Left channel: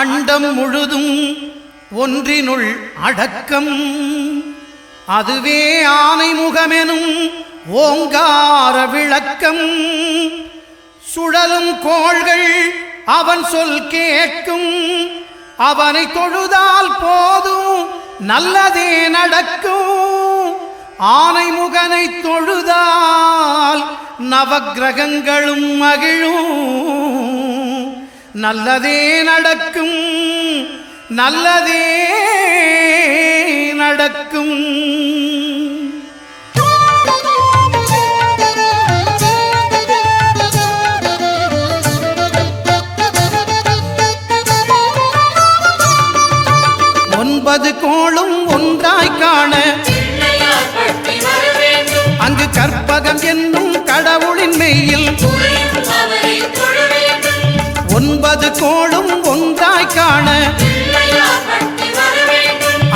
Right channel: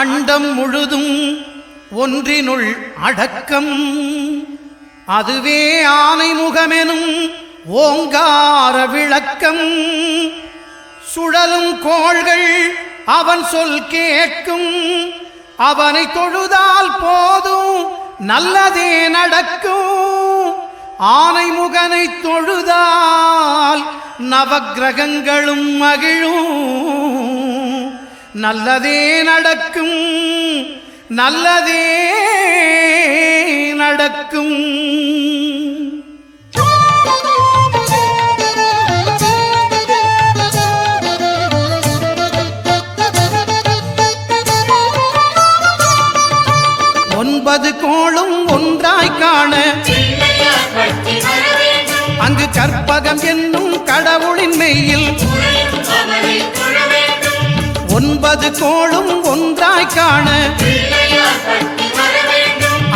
அண்டம் முழுதும் ஒன்றினுள் அடக்கம். அதுவே ஆனைமுகமெனும் ஓங்கார விளக்கம். சுழலும் கோள்கள் அவன் சொல் கேட்கும். அவனை தொழுதால் போதும் நல்லதே நடக்கும். ஆனைமுகனை தொழுதால் நவக்கிரகங்களும் மகிழும். நல்லதே நடக்கும், நல்லதே நடக்கும். ஒன்பது கோளும் ஒன்றாய் காண அங்கு கற்பகம் என்னும் கடவுளின் மெய்யில். ஒன்பது கோளும் ஒன்றாய் காண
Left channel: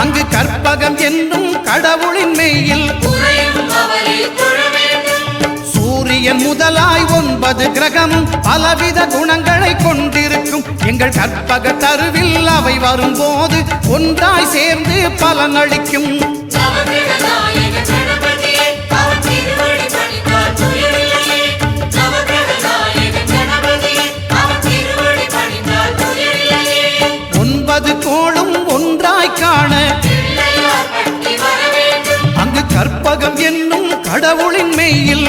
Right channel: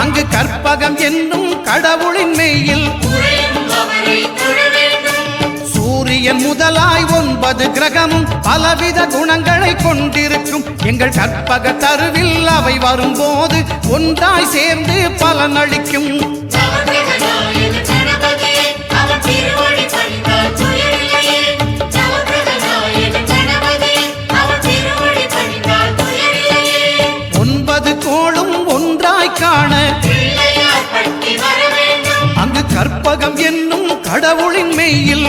அங்கு கற்பகம் என்னும் கடவுளின் மெய்யில். சூரியன் முதலாய் 9 கிரகமும் பலவித குணங்களை கொண்டிருக்கும். எங்கள் கற்பக தருவில் அவை வரும்போது ஒன்றாய் சேர்ந்து பலனளிக்கும். ஒன்பது கோளும் ஒன்றாய் காண அங்கு கற்பகம் என்னும் கடவுளின் மெய்யில்.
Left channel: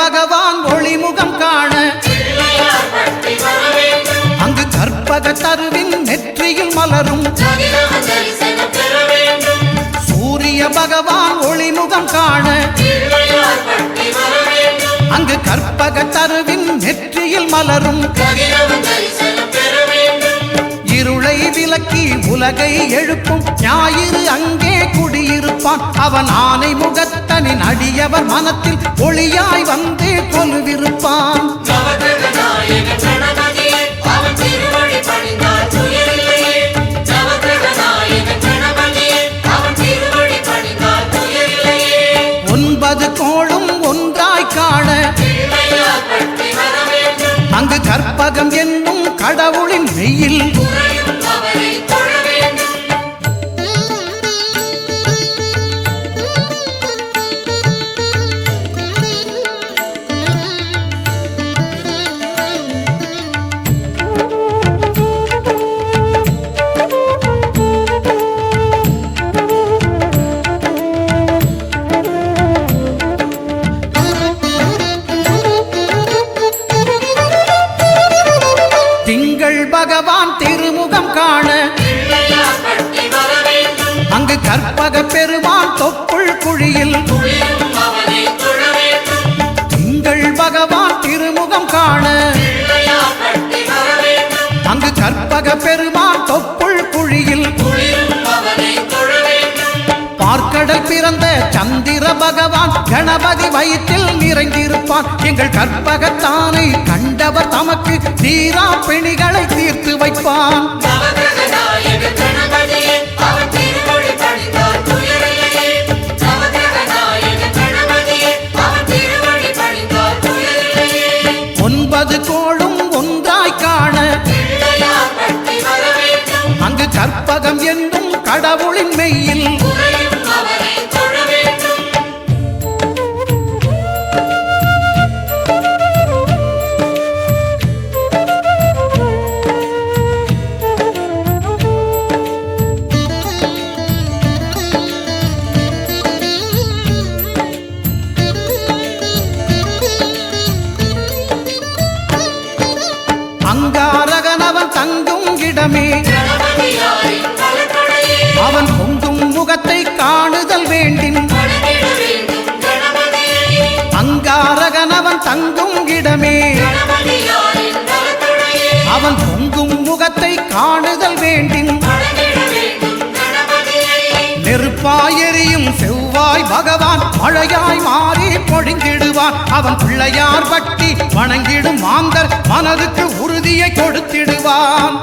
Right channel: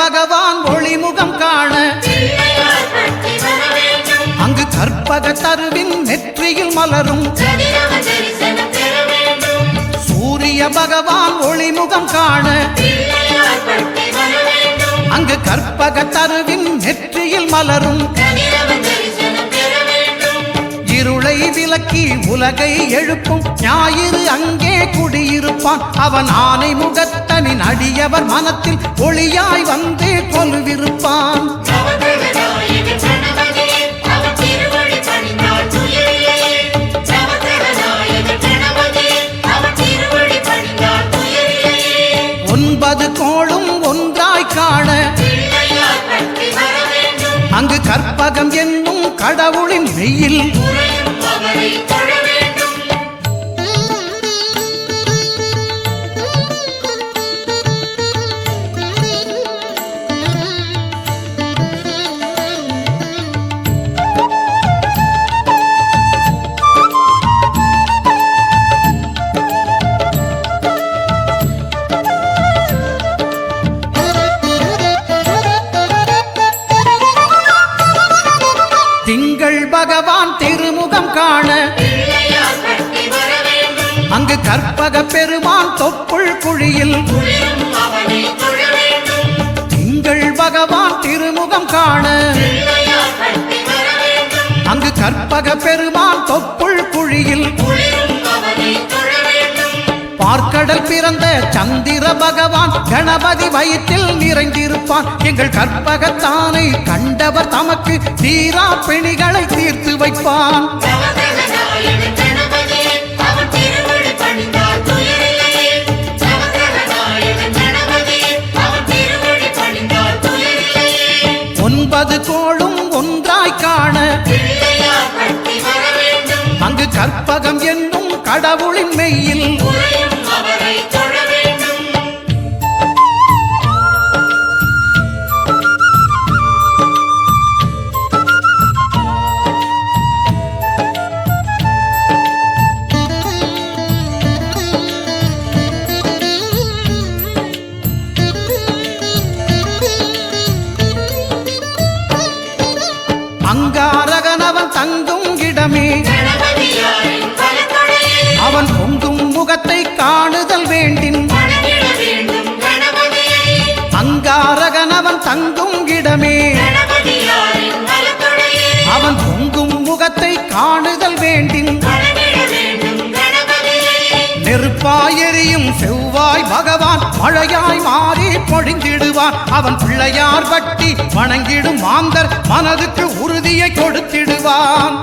பகவான் ஒளிமுகம் காண அங்கு கற்பக தருவின் நெற்றியில் மலரும். சூரிய பகவான் ஒளிமுகம் காண அங்கு கற்பக தருவின் நெற்றியில் மலரும். இருளை விலக்கி உலகை எழுப்பும் ஞாயிறு அங்கே குடியிருப்பான். அவன் ஆனை முகத்தனின் அடியவர் மனத்தில் ஒளியாய் வந்து கொலுவிருப்பான். ஒன்பது கோளும் ஒன்றாய் காண அங்கு கற்பகம் என்னும் கடவுளின் மெய்யில். திங்கள் பகவான் திருமுகம் காண அங்கு கற்பக பெருமான் தொப்புள் குழியில். திங்கள் பகவான் திருமுகம் காண அங்கு கற்பக பெருமான் தொப்புள் குழியில். பார்க்கடல் பிறந்த சந்திர பகவான் கணபதி வயிற்றில் நிறைந்திருப்பான். எங்கள் கற்பகத்தானை கண்டவர் தமக்கு தீரா பிணிகளை தீர்த்து வைப்பான். ஒன்பது கோளும் ஒன்றாய் காண அங்கு கற்பகம் என்னும் கடவுளின் மெய்யில். அங்காரகனவன் தங்கும் இடமே அவன் பொங்கும் முகத்தை காணுதல் வேண்டின். அங்காரகனவன் தங்கும் இடமே அவன் பொங்கும் முகத்தை காணுதல் வேண்டின். நெருப்பாயெரியும் செவ்வாய் பகவான் மழையாய் மாறி பொழிந்திடுவான். அவன் பிள்ளையார் பட்டி வணங்கிடும் மாந்தர் மனதுக்கு உறுதியை கொடுத்திடுவான்.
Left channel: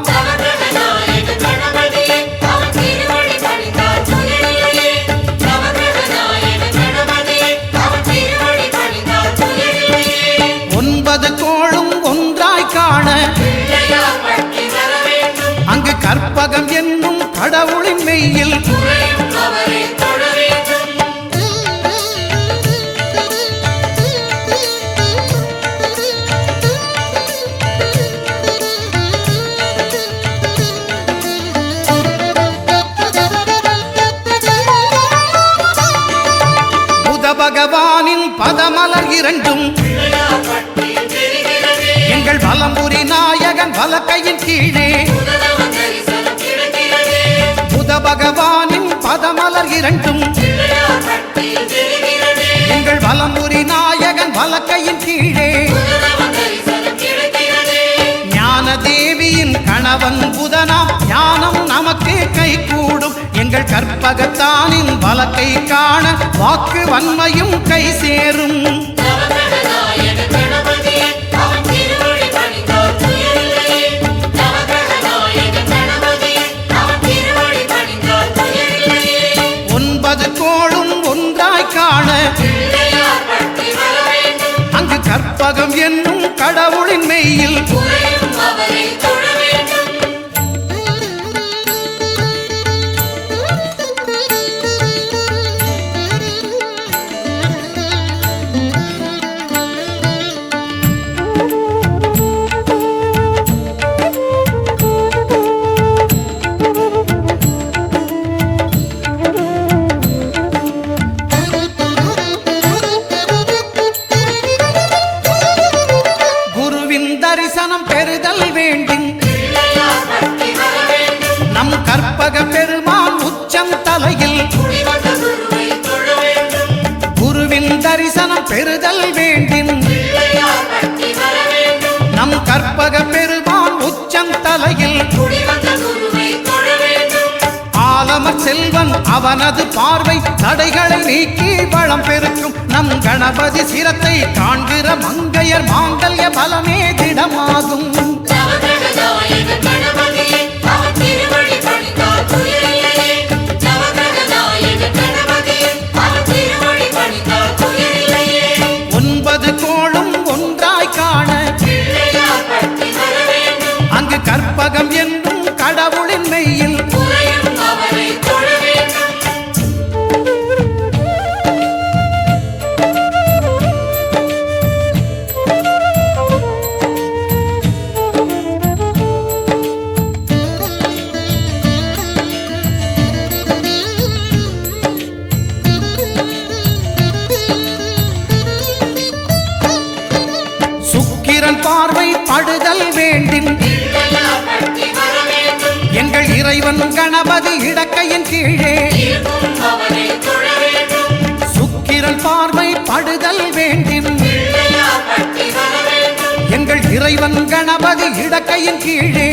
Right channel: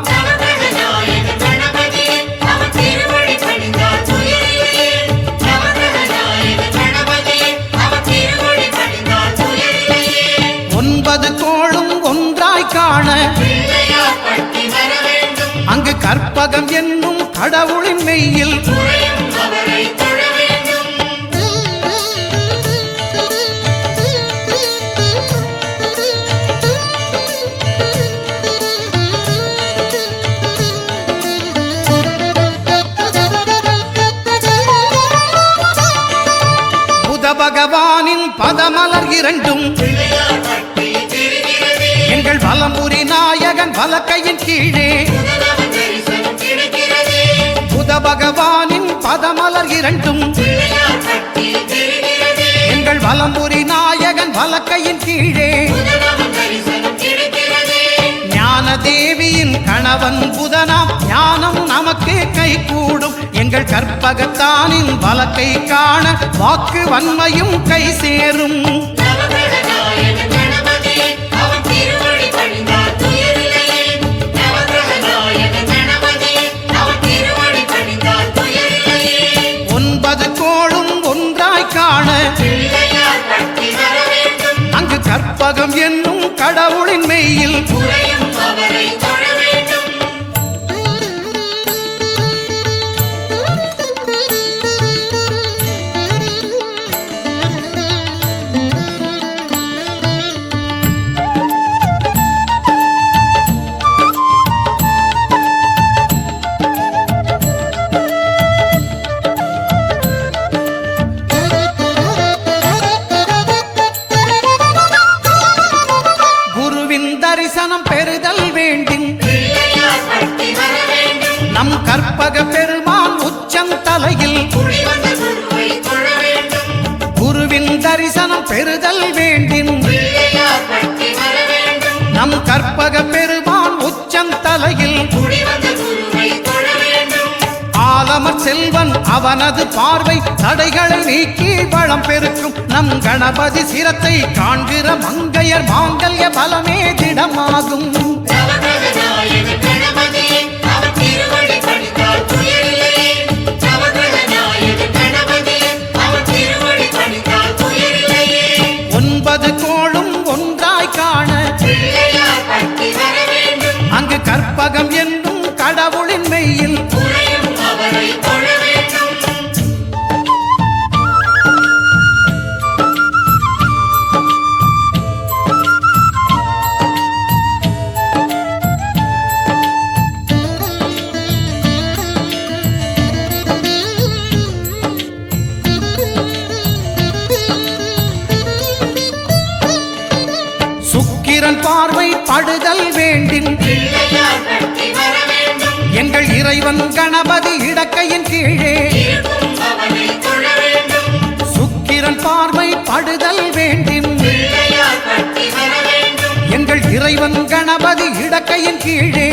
ஒன்பது கோளும் ஒன்றாய் காண அங்கு கற்பகம் என்னும் கடவுளின் மெய்யில் புத பகவானின் பதமலர் இரண்டும் எங்கள் வலம்புரி நாயகன் வலக்கையின் கீழே புத பகவானின் பதமலர் இரண்டும் எங்கள் வலம்புரி நாயகன் வலக்கையின் கீழே ஞான தேவியின் கணவன் புதனாம் ஞானம் நமக்கு கை கூடும். எங்கள் கற்பகத்தானின் வலக்கை காண வாக்கு வன்மையும் கை சேரும். ஒன்பது கோளும் ஒன்றாய் காண அங்கு கற்பகம் என்னும் கடவுளின் மெய்யில் தரிசனம் பெறுதல் வேண்டும். நம் கற்பக பெருமான் உச்சம் தலையில் குருவின் தரிசனம் பெறுதல் வேண்டும். நம் கற்பக பெருமான் உச்சம் தலையில் ஆலமர் செல்வன் அவனது பார்வை தடைகளை நீக்கி வளம் பெருக்கும். நம் கணபதி சிரத்தை காண்கிற மங்கையர் மாங்கல்ய பலமே திடமாகும். ஒன்பது கோளும் ஒன்றாய் காண அங்கு கற்பகம் என்னும் கடவுளின் மெய்யில் சுக்கிரன் பார்வை படுதல் வேண்டும். எங்கள் இறைவன் கணபதி இடக்கையின் கீழே சுக்கிரன் பார்வை படுதல் வேண்டும். எங்கள் இறைவன் கணபதி இடக்கையின் கீழே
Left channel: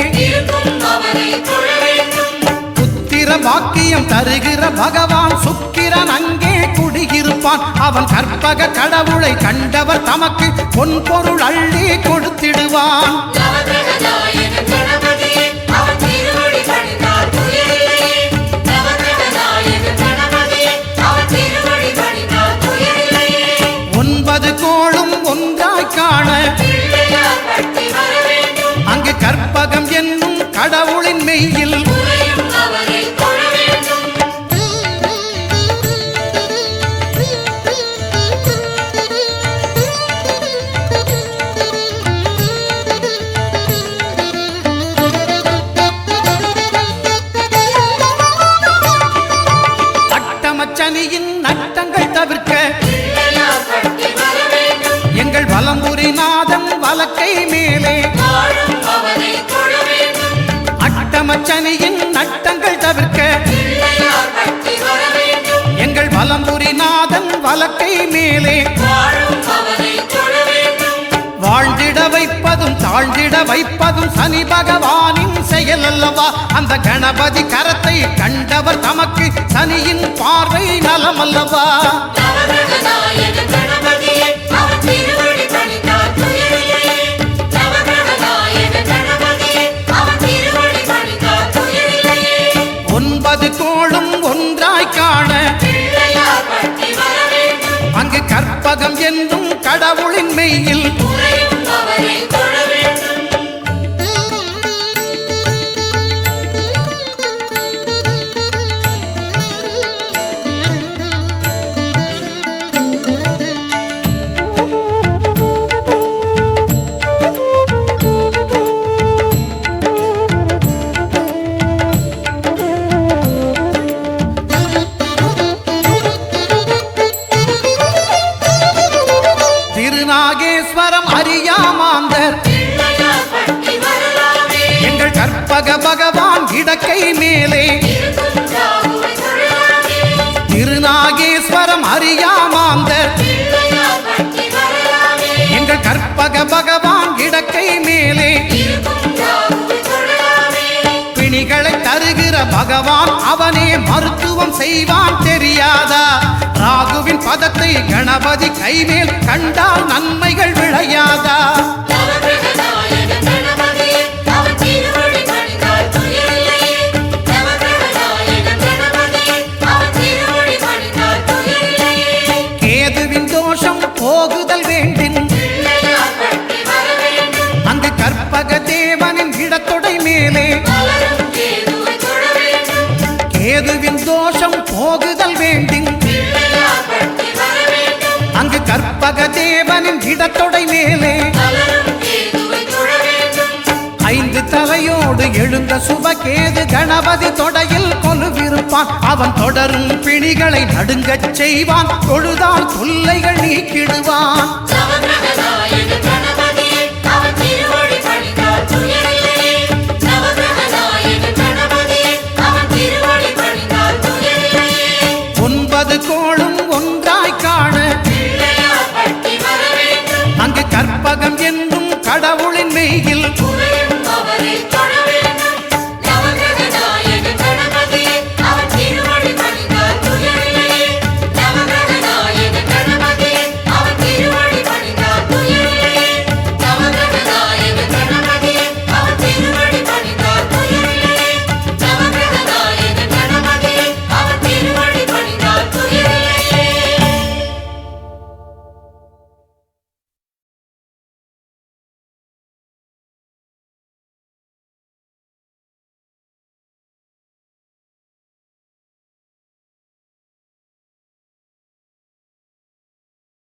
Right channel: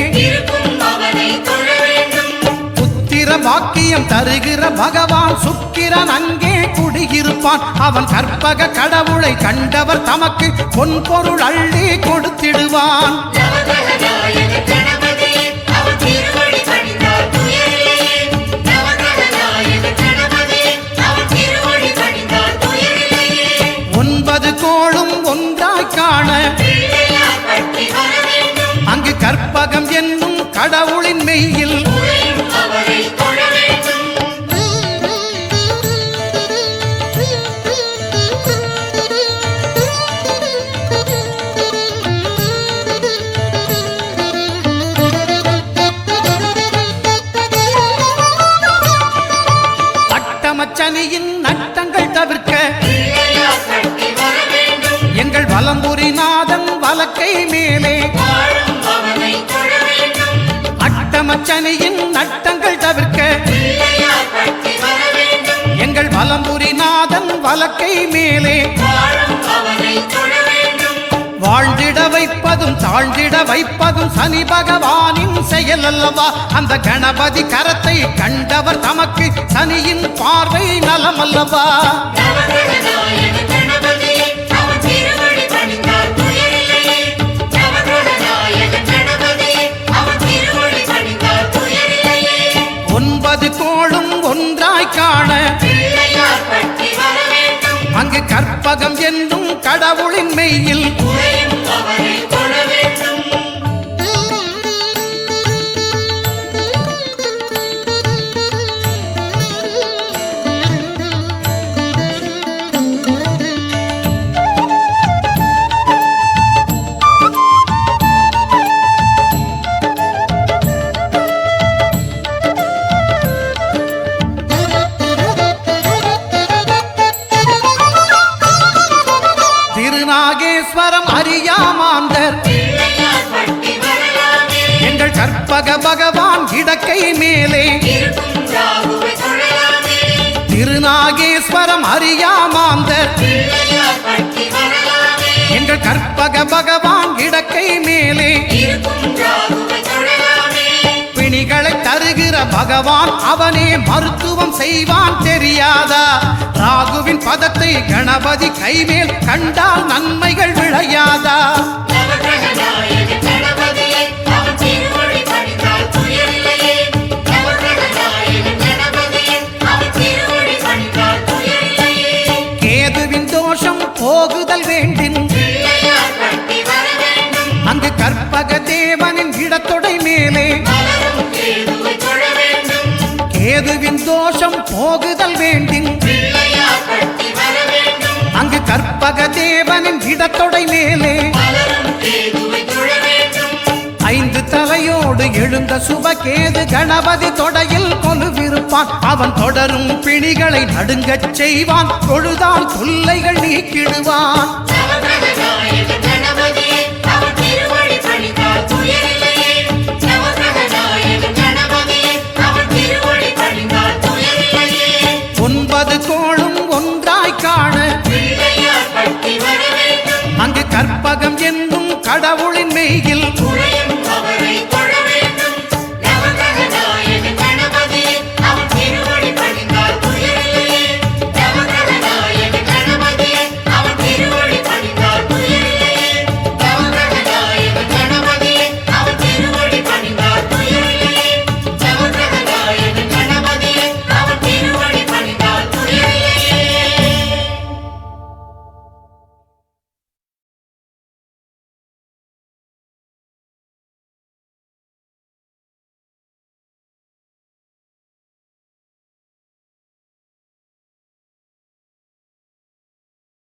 புத்திர பாக்கியம் தருகிற பகவான் சுக்கிரன் அங்கே குடியிருப்பான். அவன் கற்பக கடவுளை கண்டவர் தமக்கு பொன் பொருள் அள்ளி கொடுத்திடுவான். ஒன்பது கோளும் ஒன்றாய் காண அங்கு கற்பகம் என்னும் கடவுளின் மெய்யில் அட்டமச்சனியின் நட்டங்கள் தவிர்க்க எங்கள் வலம்புரி நாதன் வலக்கை மேலே அட்டமச்சனியின் நட்டங்கள் தவிர்க்க எங்கள் வலம்புரி நாதன் வலக்கை மேலே வாழ்ந்திட வைப்பதும் தாழ்ந்திட வைப்பதும் சனி பகவானின் செயல் அல்லவா? அந்த கணபதி கரத்தை கண்டவர் தமக்கு சனியின் பார்வை நலம் அல்லவா? ஒன்பது கோளும் ஒன்றாய் காண அங்கு கற்பகம் என்னும் கடவுளின் மெய்யில் திருநாகேஸ்வரம் அறியாமாந்தர் எங்கள் கற்பக பகவான் இடக்கை மேலே திருநாகேஸ்வரம் அறியாமாந்தர் எங்கள் கற்பக பகவான் இடக்கை மேலே பிணிகளை தருகிற பகவான் அவனே மருத்துவம் செய்வான் தெரியாதா? ராகுவின் பதத்தை கணபதி கைமேல் கண்டால் நன்மைகள் விளையாதா? கேதுவின் தோஷம் போகுதல் வேண்டின் அங்கு கற்பக தேவனின் இடத்தொடை மேலே கேதுவின் தோஷம் போகுதல் வேண்டின் அங்கு கற்பக தேவனின் இடத்தொடை மேலே ஐந்து தலையோடு எழுந்த சுபகேது கணபதி தொடையில் கொலுவிருப்பான். அவன் தொடரும் பிணிகளை நடுங்கச் செய்வான். தொழுதால் தொல்லைகள் நீக்கிடுவான். ஒன்பது கோளும் ஒன்றாய் காண அங்கு கற்பகம் என்னும் கடவுள்